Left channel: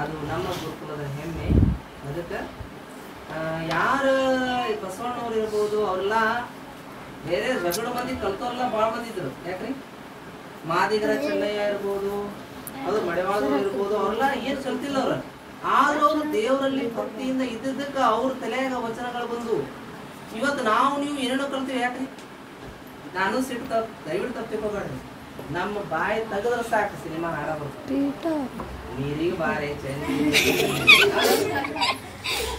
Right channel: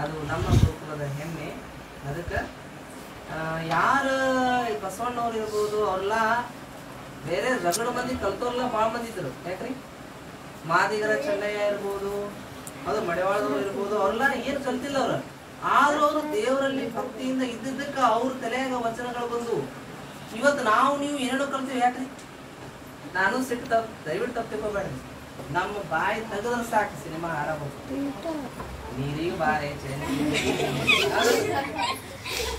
ಅದು ನಮ್ಮ ಗುರುಕುಲದ ಹೆಮ್ಮೆ. ಅದಕ್ಕೆ ಯಾರು ಬಸವಣ್ಣವ್ರು ಇರ್ಬೋದು, ಅವ್ರೆಲ್ಲ ಬೇರೆ ರಗಡ ಮಂದಿ ಕಲ್ತವ್ರೆಲ್ಲ ಭಾಳ ಮಂದಿ ಇದ್ರು. ಯಾಕ್ರಿ ಮಾದಿಗರ ಚೆನ್ನಯ್ಯ ಇರ್ಬೋದು, ಅದು ಮಡೆವಾಳದವ್ರು ಇರ್ಬೋದು, ಅವ್ರೆಲ್ಲ ಏನು ಕಲ್ತಿಲ್ಲ ಅವ್ರು. ಆದ್ರೂ ಅವರು ದೇವರಲ್ಲಿ ಭಕ್ತಿಯಿಂದ ಇದ್ದಿದ್ದಕ್ಕೆ ಅವ್ರ ತಲೆಯಾಗ ವಚನಗಳು ಬಂದು ಇವತ್ತು ನಾವು ನೀವು ಏನೇನೋ ಕಲ್ತೀವಿ. ಯಾಕ್ರಿ ನಾನು ಸಿಟ್ಟು ದಯವಿಟ್ಟು ತಪ್ಪಿಕೋಬೇಡ್ರಿ. ನಮ್ಮ ಬಾಯಿ ತೆಗೆದ್ರೆ ಸಾಕು ಸಿನಿಮಾ ಆರಾಮ ನೀರಿಗೆ ಬಾರೆ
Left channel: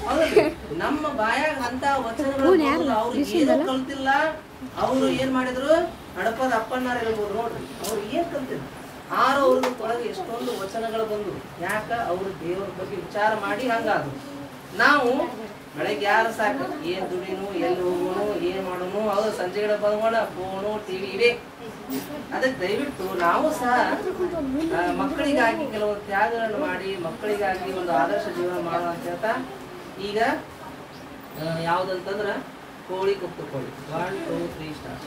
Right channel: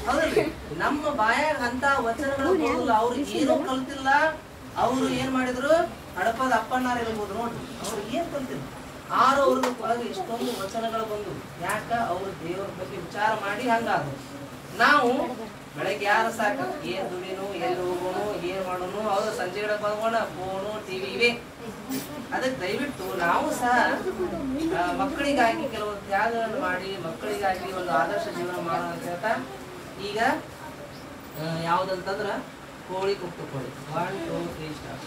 ಹೌದಲ್ರಿ. ನಮ್ಮ ಬಾಯಾಗ ಅಂತ ವಚನಗಳು ಅವ್ರು ಏನೋ ಕಲ್ತಿಲ್ಲ. ಅವ್ರು ಏನ್ ಮಾಡಿದ್ರು, ಹಡಪದ ಅಪ್ಪಣ್ಣಾರ ಇರ್ಬೋದು ನೋಡ್ರಿ, ಅವ್ರು ಏನ್ ಕಲ್ತಿಲ್ಲ. ಆರು ಅವ್ರದ್ದು ಒಳಗೆ ಎಷ್ಟೊಂದು ವಚನಗಳು ಬಂದು. ಯಾಕ ಅವ್ರು ದೇವ್ರ ಬಗ್ಗೆ ವಿಚಾರ ಮಾಡಿ ಹಂಗಾದ್ರು. ನಾವು ಬೆಳಗ್ಗೆ ಯಾರು ಸಾಕು ಏನ್ ದುಡಿನು, ಎಲ್ಲಿ ಹೋಗೋನು, ಏನ್ ಮಾಡೋನು, ಅವ್ರು ಸಂಜೆ ಬಂಗೋಣ ಫೋನು ಟಿವಿ ಇವೆ. ಅದಕ್ಕೆ ದಯವಿಟ್ಟು ನಾವು ಸಹ ಮಕ್ಕಳಿಗಾಗಿ ಕೆಲವೊಂದು ತ್ಯಾಗಗಳನ್ನು ಮಾಡಿ ಮಕ್ಕಳಿಗಾಗಿ ಒಂದು ಆದರ್ಶ ಜೀವನ ಮಾಡೋಣ ಅಂತ ಹೇಳ್ತಾ, ಈಗ ಯಾವ್ದಂತಂದ್ರ ಕೋಳಿ ಕುಪ್ಪು ಕೋಳಿ 1 2 3 ಸ್ಟಾರ್ಟ್.